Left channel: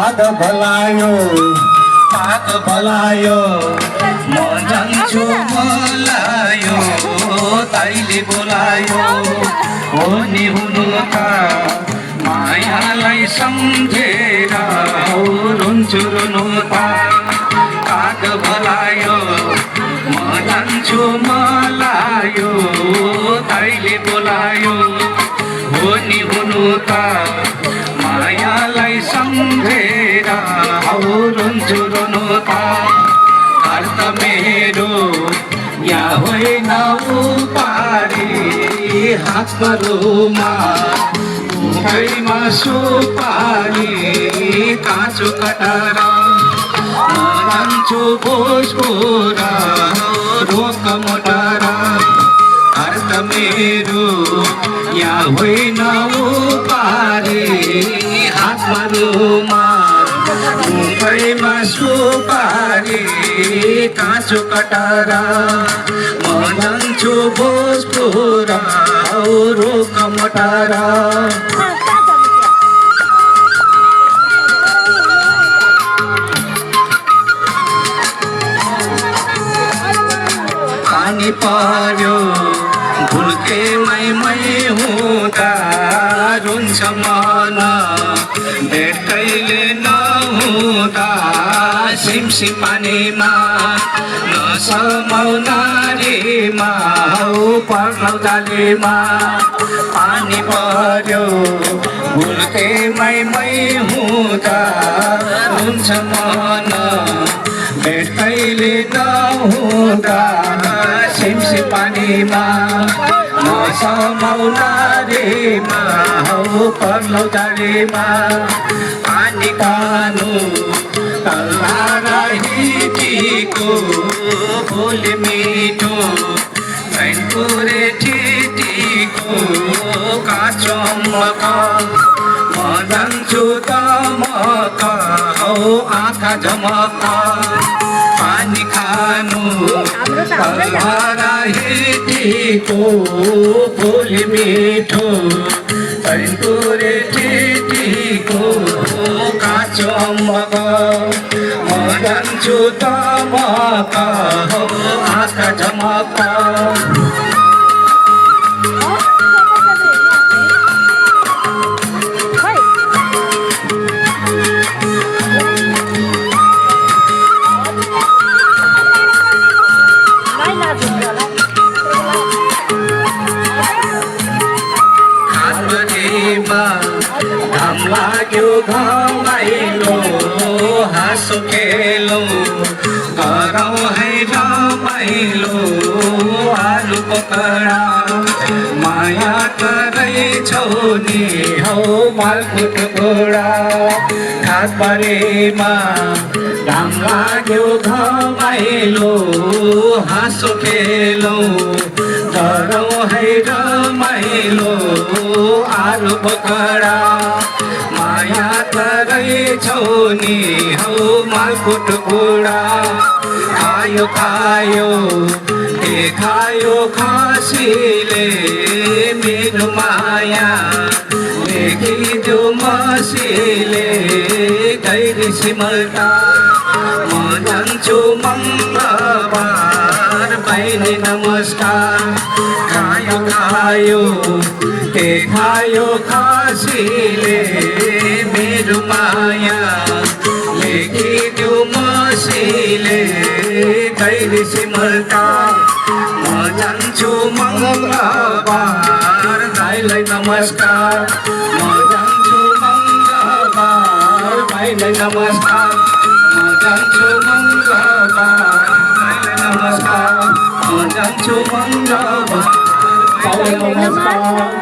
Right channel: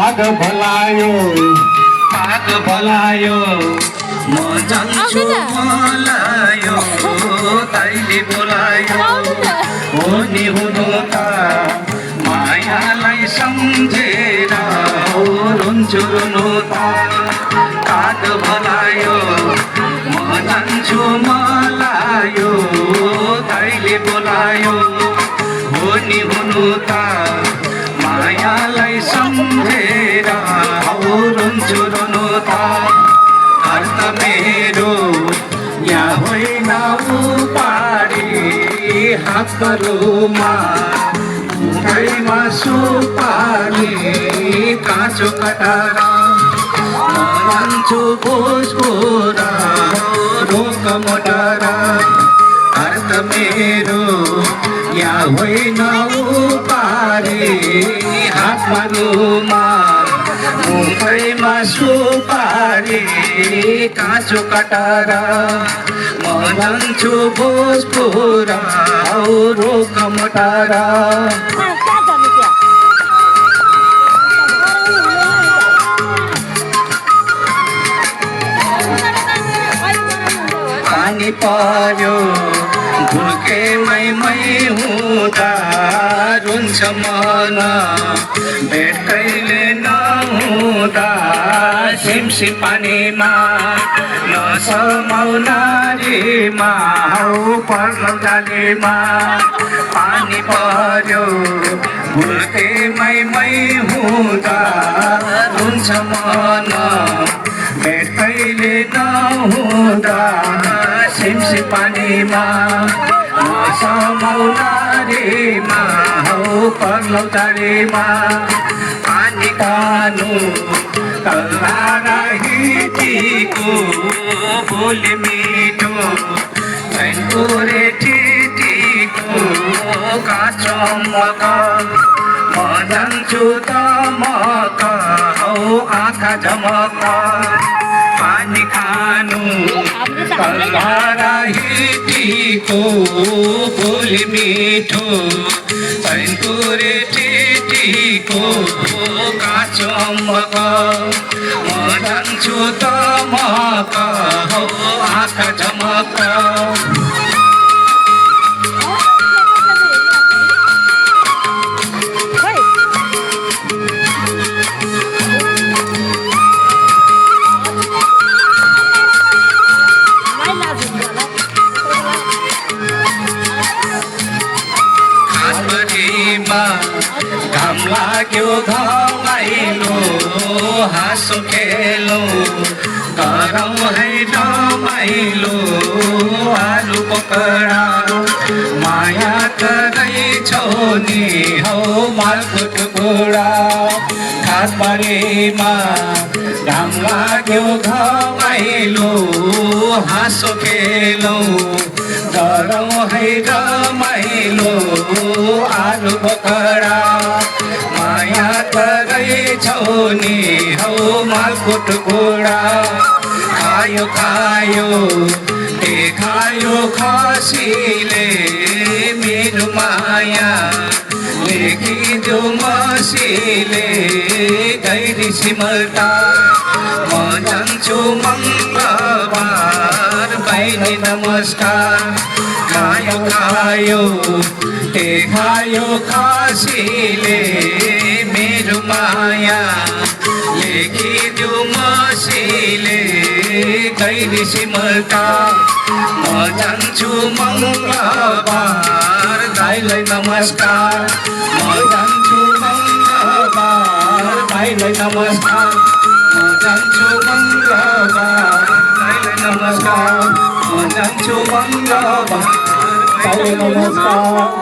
पाग भलायो म जान्छु मलायो ताईले बोलायो हो नि हुनु त मायालाई सम्झेर हो रुन्छु रुनु त पाग भलायो म जान्छु मलायो ताईले बोलायो हो नि हुनु त मायालाई सम्झेर हौ रुन्छु रुनु त घर त मेरो यहाँ होइन उपारी हातमा मुखैमा सुपारी काँचो कटारा मान्छु भोजपुरा रोक मोटरा घर त मेरो यहाँ होइन उपारी हातमा मुखैमा सुपारी काँचो कटारा म जान्छु भोजपुरा रोक मोटारा पानी पर्यो भुल्के मै हुँदा रुन्छ मन भेटैले नहुँदा सिमसी पानीमा नसमाउ नारीमा हौ पर्लौ डालीमा पानी पर्यो भुल्के मै हुँदा रुन्छ मन भेटैले नहुँदा सिमसी पानीमा नसमाउ नारीमा हौ पर्लौ डालीमा पानी कानु तल्लाराहिटीको भोलि मिठो भैँपुरे टिटीको काँचो मक म जान्छु तमक हौ आँखा झमक पानी खानु तल्लाराहिटीको भोलि मिठो भैँपुरे टिटीको काँचो मक म जान्छु तमक हौ आँखा झमक घाम लाग्यो घमाइलो हाँसो खेलो गरौँ है रमाइलो आलु पकडा माया गर्दैछौ नि हौ मालकुट घोडा घाट बारेमा घाम लाग्यो घमाइलो हाँसो खेलो गरौँ है रमाइलो आलु पकडा माया गर्दैछौ नि हौ मालकुट घोडा खायो खायो खायो खसीले मेरो माया लेखिदियो मसीले गैरी सिमल्टा म जान्छु मङ्गलबार भाइले नमस्कार खायो खायो खायो खसीले मेरो माया लेखिदियो मसीले गैरी सिमल्टा म जान्छु मङ्गलबार भाइलाई नमस्कार म जान्छु मङ्गलबार भाइलाई नमस्कार म जान्छु मङ्गलबार भाइलाई नमस्कार म जान्छु मङ्गलबार भाइलाई नमस्कार